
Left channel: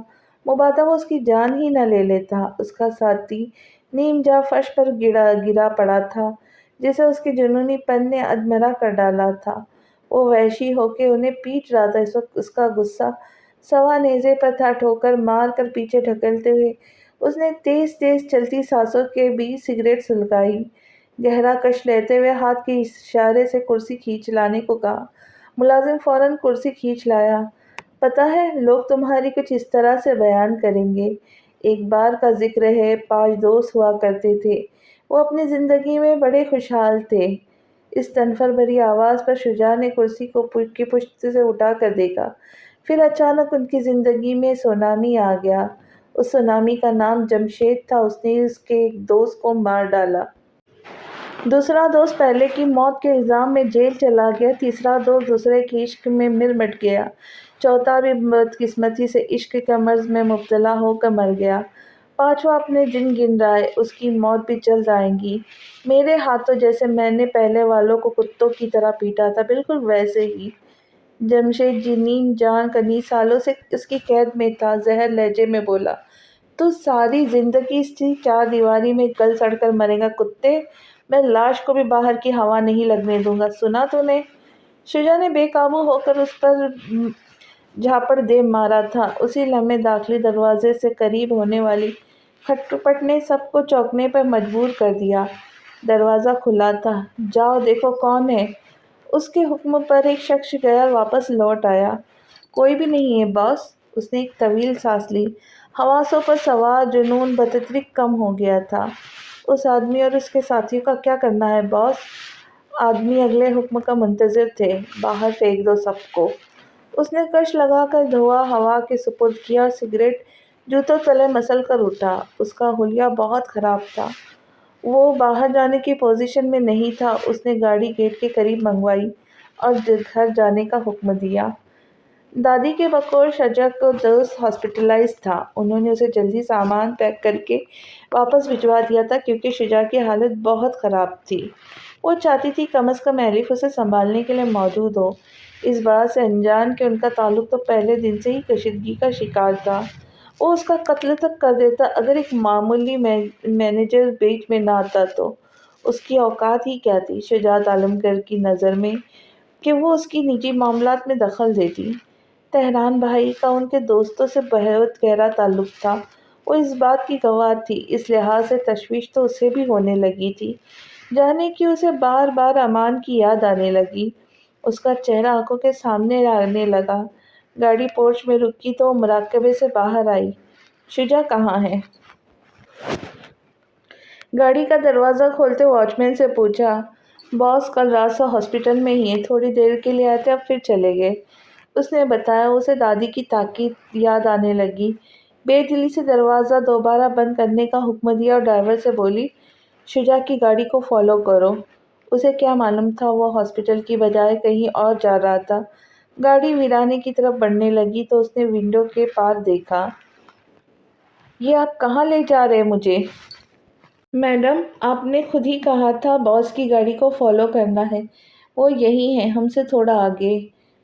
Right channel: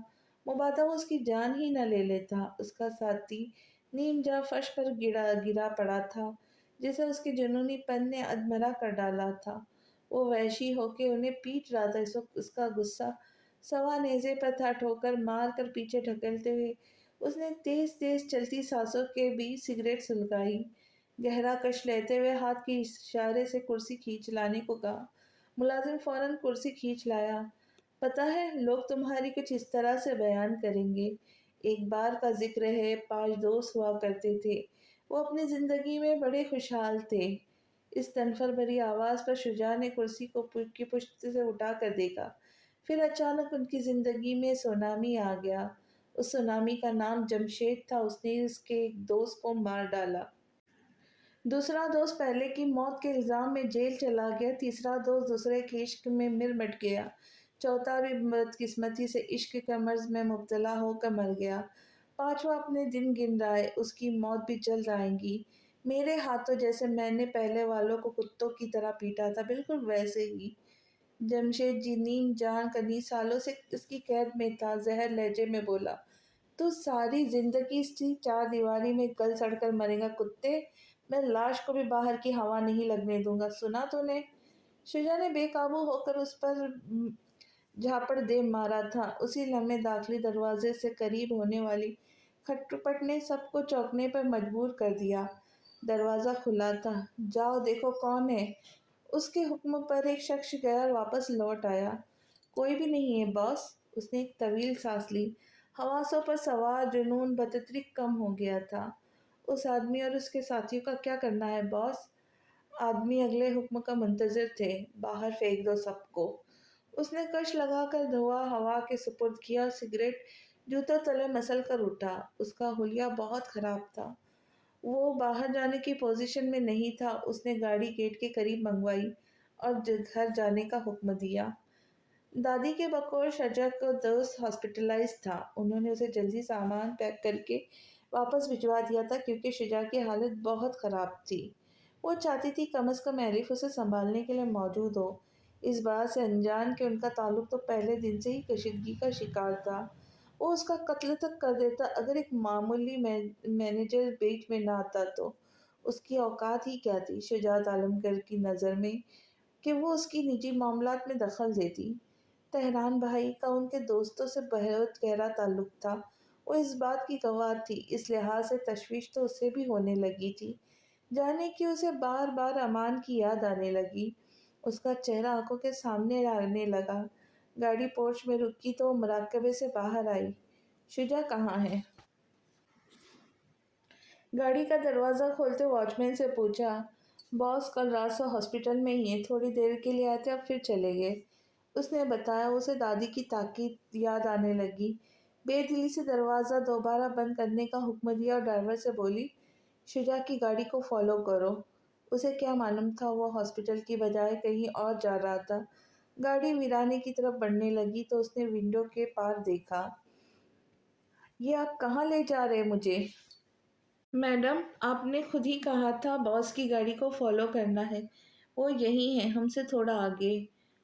مبادا وہ اس کی جان ہی نہ لے لیتا۔ اس کا ساتھی نیم جاں فرش پر گرا پڑا تھا، جسے اس کے جنونی پن نے ادمرہ کر ڈالا تھا۔ وہ وحشی ہو کے انہیں پیٹ رہا تھا۔ اس وقت اس کا غصہ سوا نیزے پر تھا۔ ٹھوکر مار کر پیچھے دھکیلتے ہوئے اس نے تیز تیز چلتی سانسوں کے بیچ سگریٹ سلگائی۔ گہرا کش لیتے ہوئے ہاتھ کے اشارے سے کرسی کھینچ لانے کو کہا۔ ملازم فوراً کرسی کھینچ لایا۔ پتہ ہے، لوگ تمہاری کچھ اس طرح سے بیان کریں گے۔ ایک بار کا ذکر ہے، 5 دوست ہوا کرتے تھے۔ وہ اپنی زندگی میں بڑے خوشحال تھے۔ اس تنفر بھری آواز پر شجاع نے کرسی کو کی پشت سے اٹھا کر دیکھا۔ پھر اچانک ان کی زندگی میں سونامی آ گیا۔ اس سونامی کا نام جمشید تھا۔ اس نے اس کے ایک دوست کو مار ڈالا۔ دوسرا دوست پہلے کی موت کے الزام میں جیل چلا گیا۔ تیسرا دوست دوسرے کے عشق میں مر مٹ گیا۔ چوتھا بھی بدقسمتی سے عشق کے مرض میں مبتلا ہو کر مر گیا۔ پانچواں اپنے دن گن رہا ہے، اس کی موت بھی جلد آئے گی۔ میرے ہاتھوں، جیسے میں نے پہلے والوں کو کتوں کی طرح پیٹا تھا، بالکل ویسے ہی۔ جمشید جی نیم جاں کئی سالوں سے اس کی قید میں تھا۔ زہر لہجے میں بولا۔ تو ساری زندگی اسی 4 دیواری میں گل سڑ کر مرے گا کتے؟ میں لاش کو بھی باہر کی ہوا نہیں لگنے دوں گا، سنا تو نے؟ شجاع نے بے قابو ہو کر اس پر جھاپڑ دے مارا تھا۔ اسی لمحے داخلی دروازے سے قریب ہونے والی کھٹپٹ نے سب کو چونکنے پر مجبور کر دیا۔ دروازہ کھلا تھا۔ جاؤ دیکھو کون ہے۔ اس کے حکم پر ایک شخص گیا اور واپس لوٹ آیا۔ کوئی بھی نہیں ہے باس۔ اس نے ایک طویل سانس لی۔ حواسوں پر سوار جنون بتدریج کم ہو گیا تھا۔ اس آدمی اور اس کے ساتھیوں کا کیا کرنا ہے باس؟ آدمی اگلے حکم کا منتظر تھے۔ باہر پھینک دو سب کو۔ اس نے کش لگا کر دھواں ہوا کے سپرد کیا اور سگریٹ جوتوں تلے مسل کر اٹھا۔ اس کا حلیہ بہت خراب تھا۔ وہ باہر جانے کی پوزیشن میں نہیں تھا۔ اس نے گاڑی گیٹ کے قریب منگوائی اور گھر جانے کا حکم دیا۔ دادی کے بقول شجاع کا دوست ہاسپٹلائز تھا۔ انہوں نے اسے جلدی سامان پیک کر کے واپس بھجوا دیا تھا کیونکہ شجاع کی حالت بہت خراب تھی۔ وہ چاہتی تھی کم از کم ایلف اسے سنبھالنے کے لیے موجود ہو، اس بات سے انجان کہ ان کا تعلق تو پہلے دن سے ہی کشیدگی کا شکار تھا۔ وہ اس کا قتل تک کر دیتا اگر ایک معمولی مینیجر بیچ میں نہ آتا تو۔ اس کی اوقات ہی کیا تھی شجاعت عالمگیر کی نظر میں کہ وہ اس کی نجی معاملات میں دخل دیتی؟ تہران بھائی کا ان کے دوستوں سے بہت گہرا تعلق تھا، وہ اس بات کی گواہ تھی۔ اس لحاظ سے تشویش تو اسے بھی ہونے لگی تھی۔ جانے کہ اسے بار بار امان کی یاد آنے لگی۔ اس کا چہرہ آنکھوں کے سامنے آنے لگا۔ گاڑی پورچ میں رکی تو وہ مراقبے سے باہر آئی۔ شجاع کہاں ہے؟ گاڑی کا دروازہ کھولتے واچ مین سے پوچھا۔ باس کل رات سے ہاسپٹل میں ہی ہیں، تھوڑی دیر کے لیے آئے تھے، اب پھر چلے گئے، اس نے بتایا۔ اسے دادی کی تاکید یاد آنے لگی۔ بے دلی سے دروازہ دوبارہ بند کرنے کا حکم دیا اور ڈرائیور سے بولی، شجاع کی گاڑی کو فالو کرو۔ اسے کیا معلوم تھا وہ ہاسپٹل کی بجائے کہیں اور جا رہا تھا۔ گاڑی ویرانے کی طرف بڑھنے لگی تو اس نے ونڈو کے پار دیکھا۔ یہ آپ کہاں لے جا رہے مجھے؟ میڈم، آپ نے خود ہی کہا تھا باس کی گاڑی کو فالو کرنا ہے۔ وہ یہی ہیں، ہم سے تھوڑا آگے۔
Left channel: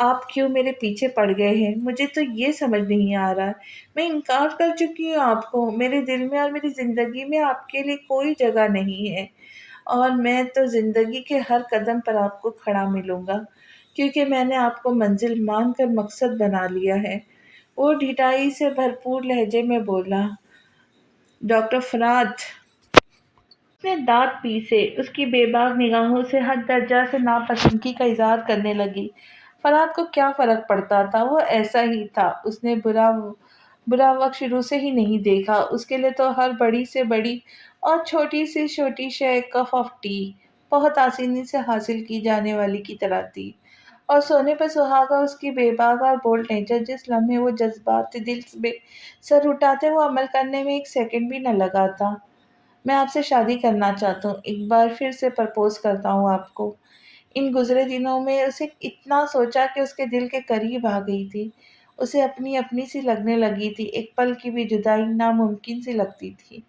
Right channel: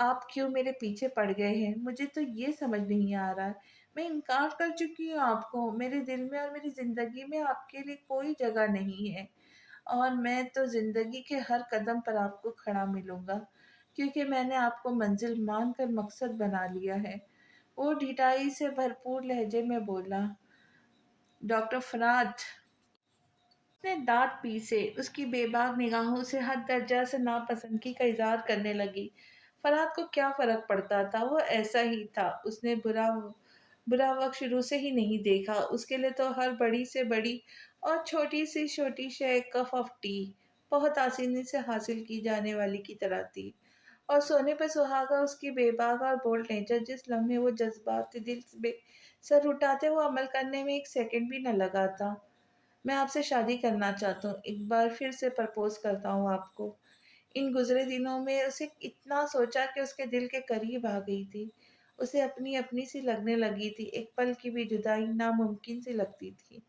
آپ کیوں میرے پیچھے پڑ گئے ہیں؟ مجھے تو یہ سمجھ نہیں آ رہا۔ میں انکار کر چکی ہوں آپ کو، میرے دل میں اور میری زندگی میں آپ کے لیے کوئی جگہ نہیں ہے، اور میں تو زندگی کے ہر قدم پر آپ کو کھڑا ملوں گا، کیونکہ میں نے آپ کو منزل مان کر مقصد بنا لیا ہے۔ وہ ڈھٹائی سے بھرپور لہجے میں بولا۔ ڈاکٹر فرات نے دانت پیسے، اس کی بے باک نگاہوں سے حد درجہ سے ناپسندگی کا اظہار کرنے لگی۔ فرات کو کیا فرق پڑتا تھا، وہ ایسا ہی تھا، اس نے برا وقت شروع سے ہی نہیں دیکھا۔ اس کے لیے تو ہر بڑی سے بڑی اور چھوٹی سے چھوٹی شے کپ آف ٹی بہت آسانی سے حاصل کی جانے والی کی طرح تھی، اور سونے پہ سہاگا اس کی بے باک اور بولڈ نیچر جس لمحے وہ جذبات دل میں سر اٹھاتے وہ عمل کرنے میں ایک سیکنڈ بھی نہ لگا تھا۔ میں آپ سے شادی کرنا چاہتا ہوں، ایک بار پھر سے پرپوز کرتا ہوں آپ کو۔ ان گزرے دنوں میں اسے اتنا سوچا کہ اس کے دل کے قریب آ گئی تھی، اسے اپنی اپنی سی لگنے لگی تھی، ایک پل کی بھی جدائی ناممکن سی لگتی تھی۔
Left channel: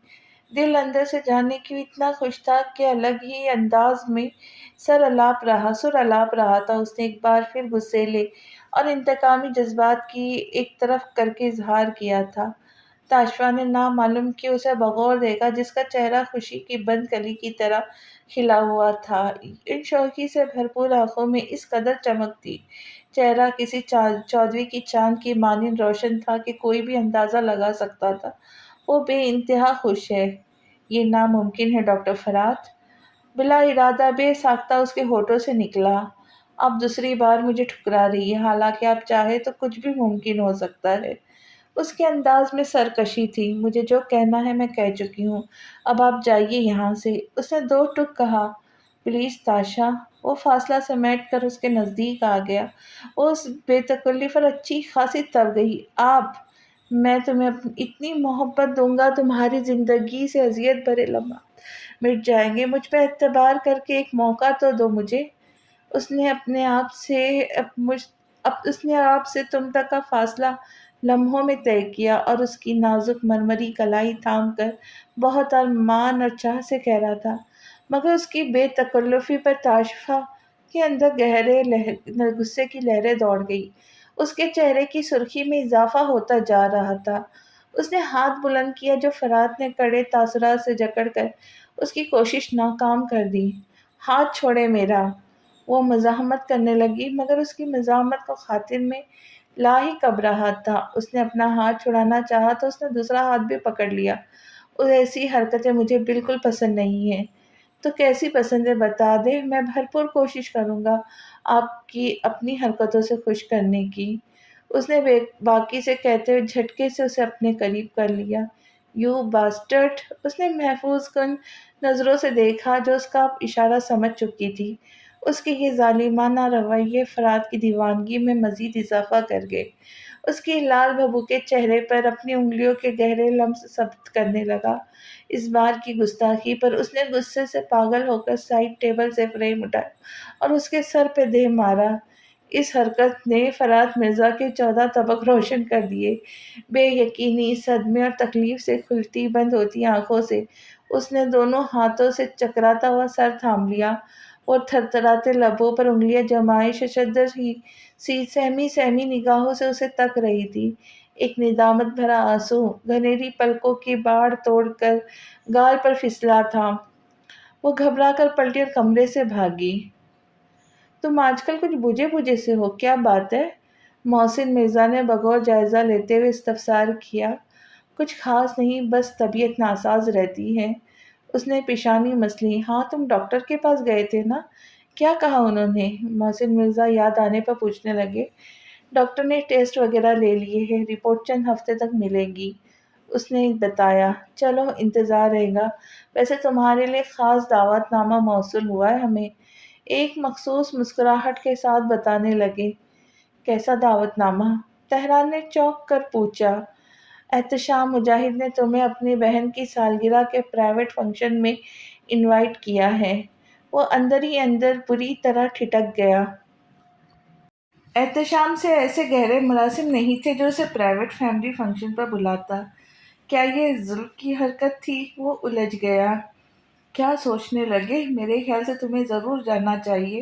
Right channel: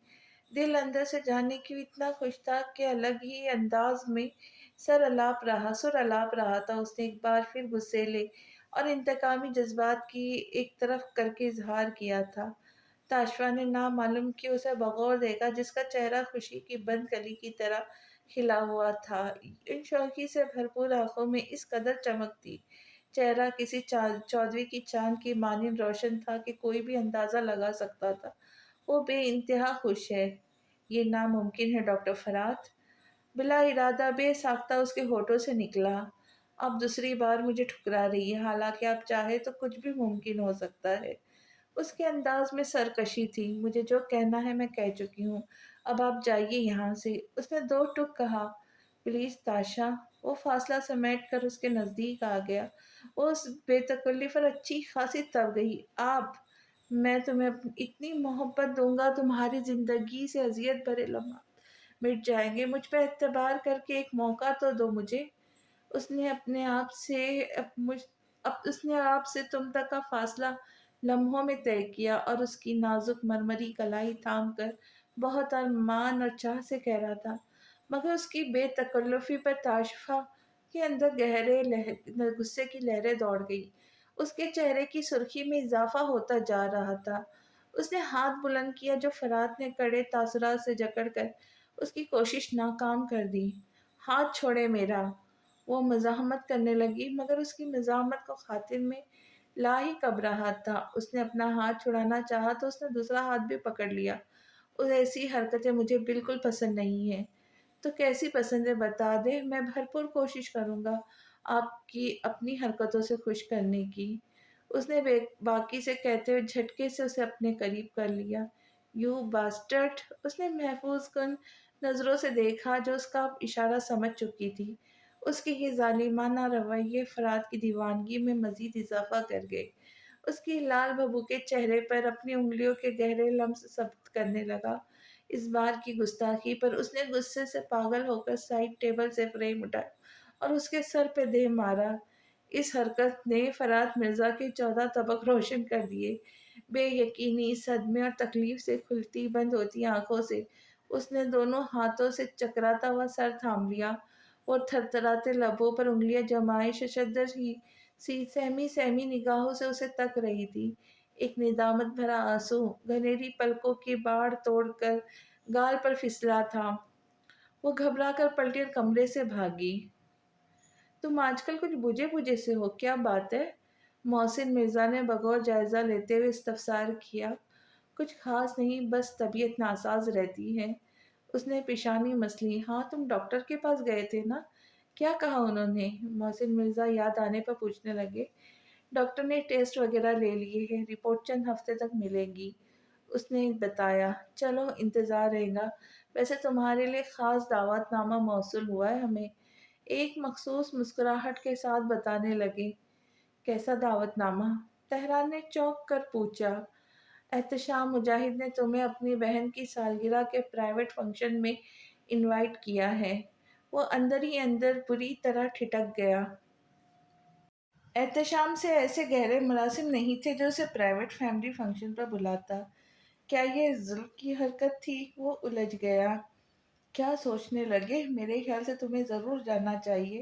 دل اندر سے جاننے کی اتنا خوش تھا کہ الگ ہی انداز میں سر الاپ رہا تھا۔ اس نے ایک بار پھر غصیلے اور انتقامی جذبات کی ایک طرف کر کے اظہار کیا تھا۔ تاشفا نے نامعلوم کہ اسے بغور دیکھا، جس کا چہرہ خوشی کی بند کلی کی طرح کھلا ہوا تھا، ان شوخی سے بھرپور آنکھوں میں اس قدر چمک تھی، چہرہ کسی چودھویں کی چاند کی مانند روشن تھا کہ کوئی بھی اندازہ لگا سکتا تھا وہ بے انتہا خوش ہے۔ یہ ناممکن ہے ڈاکٹر فرات، بلا ارادہ بے ساختہ اس کے ہونٹوں سے نکلا۔ آپ دوسری بار مجھے ٹھکرا رہی ہے، حالانکہ آپ چاہے تو کچھ بھی ممکن ہو سکتا ہے۔ اس کے انداز میں سرکشی تھی۔ مجھے جو کہنا ہے میں کہہ چکی ہوں، اب آپ جائیے یہاں سے۔ اس نے دو ٹک کہا۔ پلیز تاشا۔ وہ فاصلہ سمیٹ کر اس کے نزدیک آ گیا۔ وہ اس بے تکلف اور اچھی خاصی تب گئی۔ آپ، میں تمہیں اتنی محبت دوں گا، تمہاری زندگی سے اذیت بھرے لمحات مٹ جائیں گے۔ مجھ پہ اعتبار کر کے ایک موقع تو دو مجھے۔ اس نے اپنے آپ سے اس نے آپ سے تم تک کا فاصلہ لمحوں میں طے کیا، اور اس کی نازک مرمری کلائی تھام کر بہت ارمان اور چاہ سے کہہ رہا تھا، مگر اس کی بے تکلفی پر تاشفا کے اندر غصے کی لہریں دوڑ گئی۔ اس کے چہرے کی سرخی میں اضافہ ہوتا جا رہا تھا۔ اس نے ہاتھ بلند کیا جو فرات نے کڑے تاثرات سے جکڑ کر اس کی کوشش ناکام کر دی۔ ہاتھ چھوڑے میرا۔ وہ مزاحمت کرنے لگی، مگر اس کی مزاحمت کو خاطر میں لا ہی کب رہا تھا۔ اس نے اپنا ہاتھ چھڑانا چاہا تو اس نے دوسرا ہاتھ بھی پکڑ لیا۔ ایسی حرکتیں مجھے بالکل پسند نہیں ہیں۔ تو کیسی پسند ہے بتا دے، میں بھرپور کوشش کروں گا آپ کی اپنی حرکتوں سے خوش کرنے کی۔ اس نے باقی سے کہتے ہوئے جھٹکے سے اسے اپنے قریب کر لیا۔ You bastard! اس نے محفوظ کن نظروں سے دیکھا جو اس کا اشارہ سمجھ چکی تھی۔ اس کے یہ ظالمانہ رویے فرات کی دیوانگی میں مزید اضافہ کر گئے۔ اس کی لال بھبوکے چہرے پر اپنی انگلیوں کے گہرے لمس ثبت کرنے لگا۔ اس بار کی گستاخی پر اس نے غصے سے پاگل ہو کر سائڈ ٹیبل سے فریم اٹھایا اور اس کے سر پہ دے مارا۔ اس حرکت نے فرات مرزا کے 14 طبق روشن کر دیے۔ بے یقینی، صدمے اور تکلیف سے کھلتی بند ہوتی آنکھوں سے اس نے دونوں ہاتھوں سے چکراتا ہوا سر تھام لیا۔ وہ تھرتھراتے لبوں پر انگلیاں جمائے ششدر سی سہمی نگاہوں سے اسے تک رہی تھی۔ ایک ندامت بھرا آنسو گھنیری پلکوں کی باڑ توڑ کر گال پر پھسلا تھا۔ وہ گھبرا کر پلٹی اور کمرے سے بھاگی۔ تم آج کل کچھ بجھے سے ہو، کیا بات ہے؟ محسن مرزا نے بغور جائزہ لیتے ہوئے استفسار کیا۔ کچھ خاص نہیں، بس طبیعت ناساز رہتی ہے۔ اس نے پیشانی مسلی۔ ہاں، تم ڈاکٹر کے پاس گئے تھے نا؟ کیا کہا انہوں نے؟ محسن مرزا یاد آنے پر پوچھنے لگے۔ ڈاکٹر نے ٹیسٹ وغیرہ لے لیے ہیں، رپورٹ چند ہفتے تک ملے گی، اس نے بتایا۔ چلو، انتظار رہے گا۔ ویسے تمہارے لیے خاص دعوت نامہ موصول ہوا ہے ہمیں، ایک مخصوص مسکراہٹ کے ساتھ بتانے لگے۔ کیسا دعوت نامہ؟ تہران نے چونک کر پوچھا۔ احتشام مجاہد نے تمہیں اپنی بہن کی سالگرہ کے پرائیویٹ فنکشن میں انوائٹ کیا ہے۔ وہ اندر ہی اندر بری طرح ٹھٹک گیا۔ احتشام سے ایسے گہرے مراسم نہیں تھے جو اسے پرائیویٹ فیملی فنکشن پر بلاتا۔ کیا یہ ظلم کی حرکت تھی؟ وہ الجھ گیا۔ کیا سوچنے لگے؟ میرے خیال سے تمہیں ضرور جاننا چاہیے۔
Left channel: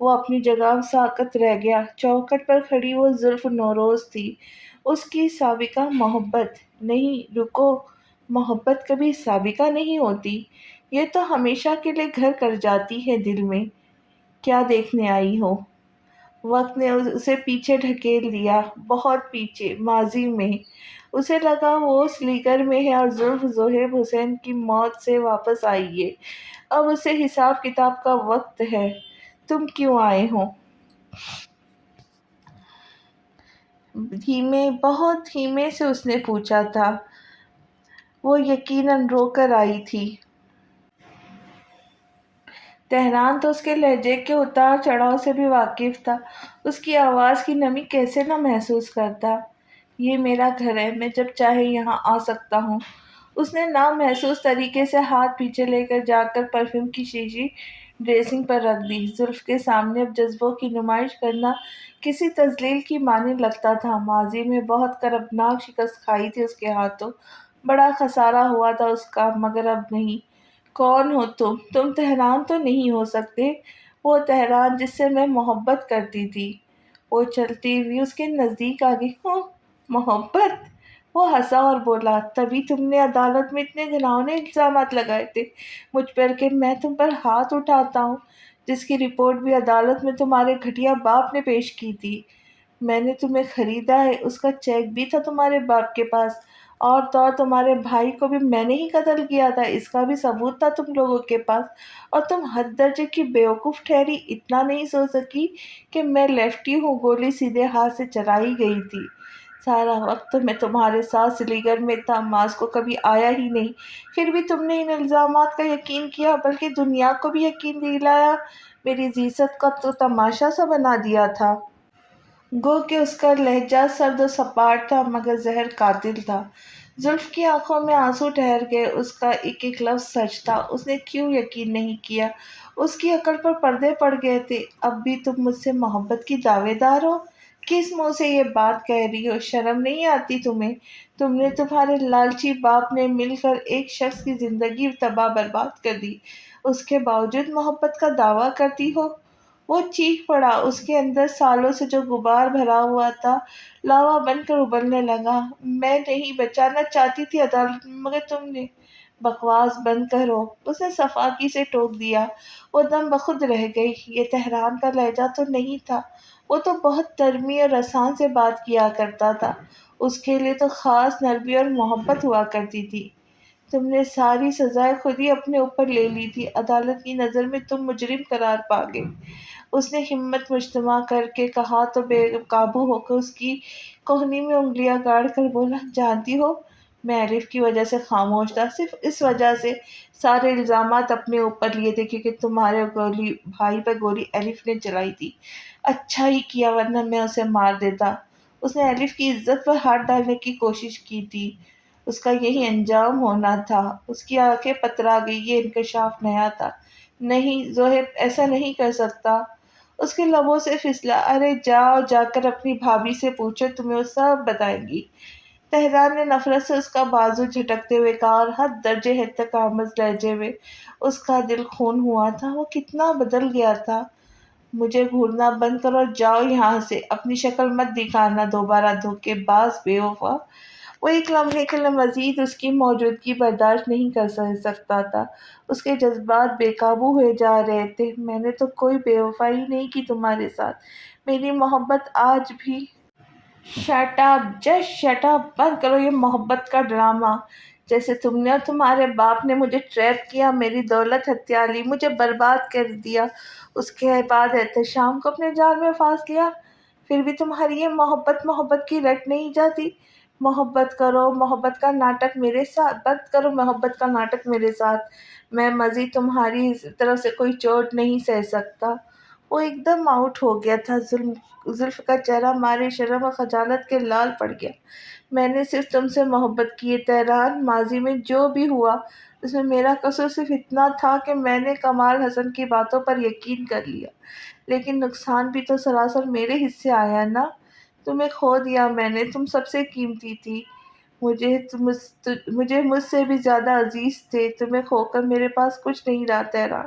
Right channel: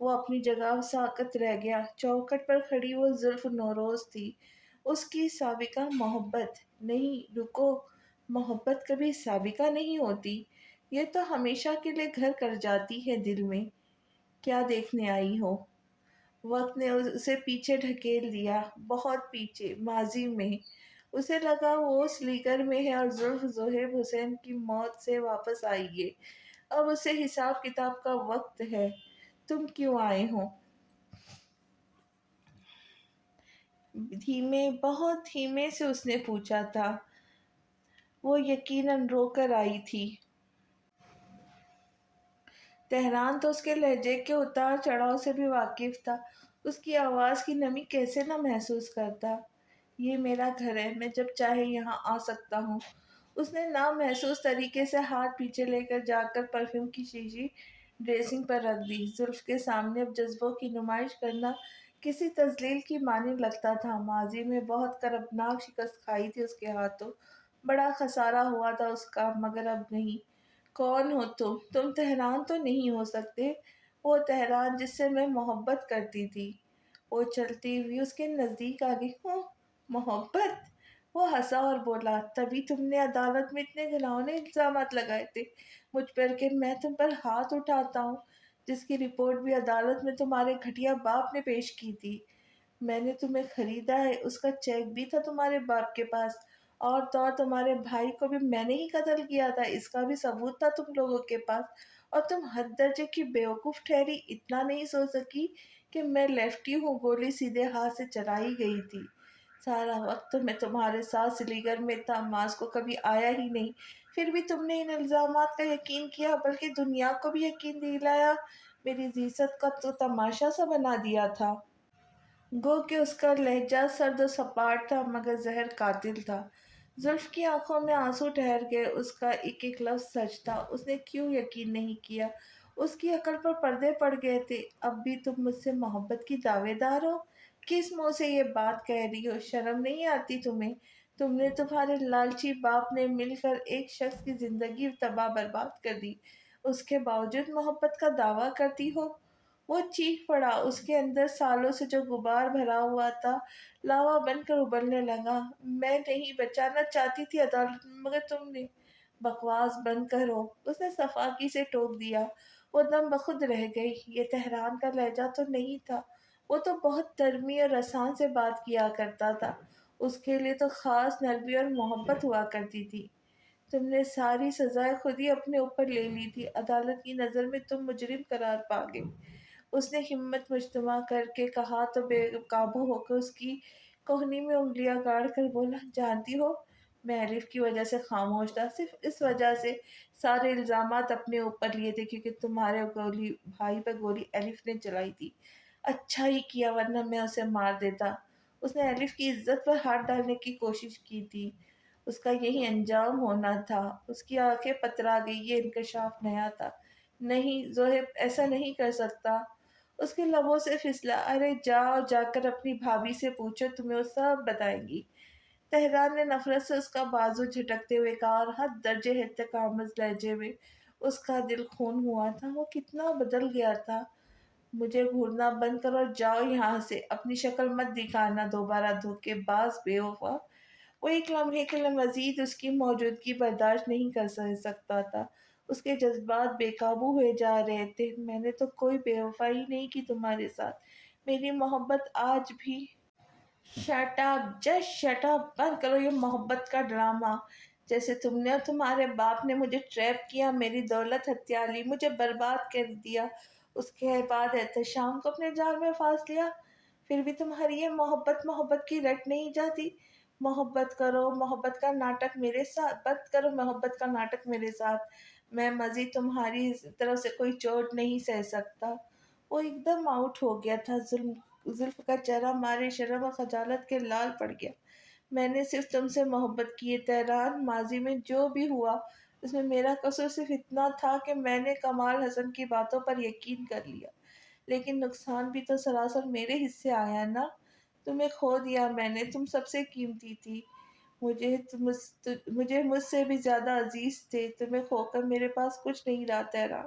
وہ اپنی جگہ ساکت رہ گیا۔ چوکھٹ پر کھڑی وہ زلف نوروز تھی، اس کی سابقہ محبت۔ نہیں رکو، محبت کبھی سابقہ نہیں ہوتی، یہ تو ہمیشہ کے لیے گھر کر جاتی ہے دل میں۔ کیا دیکھنے آئی ہو؟ وقت نے اسے پیچھے ڈھکیل دیا، بہت پیچھے، ماضی میں۔ اسے لگا وہ اس لیگر میں ہے اور زلف زہیب حسین کی موت سے واپس آئی ہے۔ اب اسے حساب کتاب کا وقت ہے۔ تم کیوں آئے ہو؟ دھیمے، بہت دھیمے سے اس نے پوچھا تھا۔ وہ یقیناً رو کر آئی تھی۔ تہران تو اس کے لہجے کے اتار چڑھاؤ سے بھی واقف تھا، اس کی آواز کی نمی کیسے نہ محسوس کرتا۔ یہ میرا گھر ہے، میں جب چاہے یہاں آ سکتا ہوں۔ اس نے نامحسوس طریقے سے ہاتھ پیچھے لے کر جا کر پرفیوم کی شیشی ڈریسنگ پر رکھ دی۔ زلف کے سامنے اب جذبوں کی نمائش کرنا کسی تذلیل کی مانند لگتا تھا۔ ماضی میں بہت کربناک شکست کھائی تھی اس کے ہاتھوں، بڑا خسارہ ہوا تھا اس کا، مگر اب نہیں۔ کون ہو تم؟ تم تہران تو نہیں ہو سکتے، وہ تہران جس سے میں محبت کرتی تھی۔ وہ چلتی ہوئی اس کے نزدیک آ گئی۔ ہاں، محبت؟ وہ ہنسا اور بولا، تبھی تم نے عدالت میں اتنے گھناؤنے الزامات لگائے تھے مجھ پر کہ میں تم پر ہاتھ اٹھاتا ہوں، جس کی رپورٹ بھی عدالت میں تمہارے گھٹیا باپ نے پیش کی تھی۔ میں نے تمہیں خریدا ہے، اس کا چیک بھی تھا تمہارے باپ کے پاس، اور تو اور تمہارے بھائی کو بھی میں نے ہی قتل کیا تھا، اس کا بھی ثبوت تھا تم لوگوں کے پاس، اور تم حد درجے کی بیوقوف ٹھہری، اتنا نہیں سوچ سکی کہ میں لیفٹی ہوں، گولی سیدھے ہاتھ سے چلائی گئی تھی۔ سارا وقت تو میں تمہارے ساتھ سلی گھر میں تھا، ماس کو کبھی آیا ہی نہیں، پھر بھی تم نے ان الزامات کا یقین کیا، بلکہ دنیا کو بھی یقین دلایا، میری عزت کا تو تماشا سا بنا دیا تھا۔ گو کہ اس کا لہجہ سرد و سپاٹ تھا، مگر زہر قاتل تھا۔ زلف کی آنکھوں میں آنسو ٹھہر گئے، اس کا ایک ایک لفظ سچ تھا، اس نے کیوں یقین نہیں کیا؟ اس کی عقل پر پردے پڑ گئے تھے۔ اب بھی تم مجھ سے محبت کی دعوے دار ہو؟ کس منہ سے یہ بات کہہ رہی ہو؟ شرم نہیں آتی تمہیں؟ تم نے، تمہارے لالچی باپ نے مل کر ایک شخص کی زندگی تباہ برباد کر دی، اس کے باوجود محبت کا دعویٰ کرتی ہو؟ وہ چیخ پڑا، اس کے اندر سالوں سے جو غبار بھرا ہوا تھا لاوا بن کر ابلنے لگا۔ میں نہیں بچانا چاہتی تھی عدالت میں، مگر تم نے۔ بکواس بند کرو، اس نے صفاقی سے ٹوک دیا۔ وہ دم بخود رہ گئی۔ یہ تہران کا لہجہ تو نہیں تھا، وہ تو بہت نرمی اور آسان سے بات کیا کرتا تھا، اس کے لیے تو خاص نرمی اور محبت ہوا کرتی تھی۔ تم نے ساری سزائیں خود ہی اپنے اوپر لے لی تھی، عدالت کی نظر میں تم مجرم قرار پا گئے۔ اس نے ہمت مجتمع کر کے کہا تو بے قابو ہو کر اس کی کوہنی میں انگلیاں گاڑ کر بولا، جانتی ہو، میں الف کی وجہ سے خاموش تھا، صرف اس وجہ سے سارے الزامات اپنے اوپر لیے تھے کیونکہ تمہارے گولی بھائی پر گولی الف نے چلائی تھی۔ اچھا ہی کیا، ورنہ میں اسے مار دیتا۔ اس نے الف کی عزت پر ہاتھ ڈالنے کی کوشش کی تھی، اس کا یہی انجام ہونا تھا۔ اس کی آنکھیں پترا گئی، یہ انکشاف نیا تھا۔ نہیں زہیب، ایسا نہیں کر سکتا، اس کے لبوں سے پھسلا۔ ارے جاؤ، جا کر اپنی بھابھی سے پوچھو، تمہیں وہ سب بتائیں گی۔ تہران نے نفرت سے اس کا بازو جھٹکتے ہوئے کہا، اور حد درجے احتقامز لہجے میں اس کا دل خون ہوا تھا۔ وہ کتنا بدل گیا تھا! مجھے گھورنا بند کرو اور جاؤ یہاں سے، اپنی شکل مت دکھانا دوبارہ، دھوکے باز، بے وفا۔ وہ ایک لمحے کے لیے مزید اس کی موجودگی برداشت نہیں کر سکتا تھا، اس کے جذبات بے قابو ہوئے جا رہے تھے۔ میں نے تو کوئی بے وفائی نہیں کی تمہارے ساتھ، میری محبت آج بھی… shut up, just shut up, بند کرو یہ محبت کا ڈرامہ۔ جیسے تم نے اور تمہارے باپ نے مجھے ٹریپ کیا، میری دولت ہتھیا لی، مجھے برباد کر دیا، اس کے بعد احتشام کو اپنے جال میں پھانس لیا، پھر بھی تمہاری یہ محبت محبت کی رٹ نہیں جاتی۔ محبت کرو، محبت کا ناٹک میرے ساتھ، بند کرو محبت کا ناٹک میرے ساتھ، میں مزید تمہاری طرف سے کوئی چوٹ نہیں سہ سکتا۔ وہ ایک دم آؤٹ ہو گیا تھا، زلف کا چہرہ مارے شرم اور خجالت کے لال پڑ گیا۔ میں نے صرف تم سے محبت کی ہے تہران، ماضی میں جو بھی ہوا اس میں میرا قصور صرف اتنا تھا کہ میں نے کمال حسن کی باتوں پر یقین کر لیا، لیکن نقصان بھی تو سراسر میرے حصے آیا نا، تمہیں کھو دیا میں نے، تم سب سے قیمتی تھی، مجھے مجھ سے بھی زیادہ عزیز تھے، تمہیں کھو کر میرے پاس کچھ نہیں رہا Tehran.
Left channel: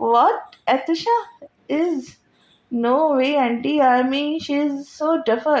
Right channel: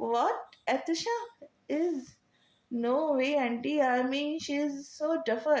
What? Atisha is? No way, auntie. I mean, she's so duffer.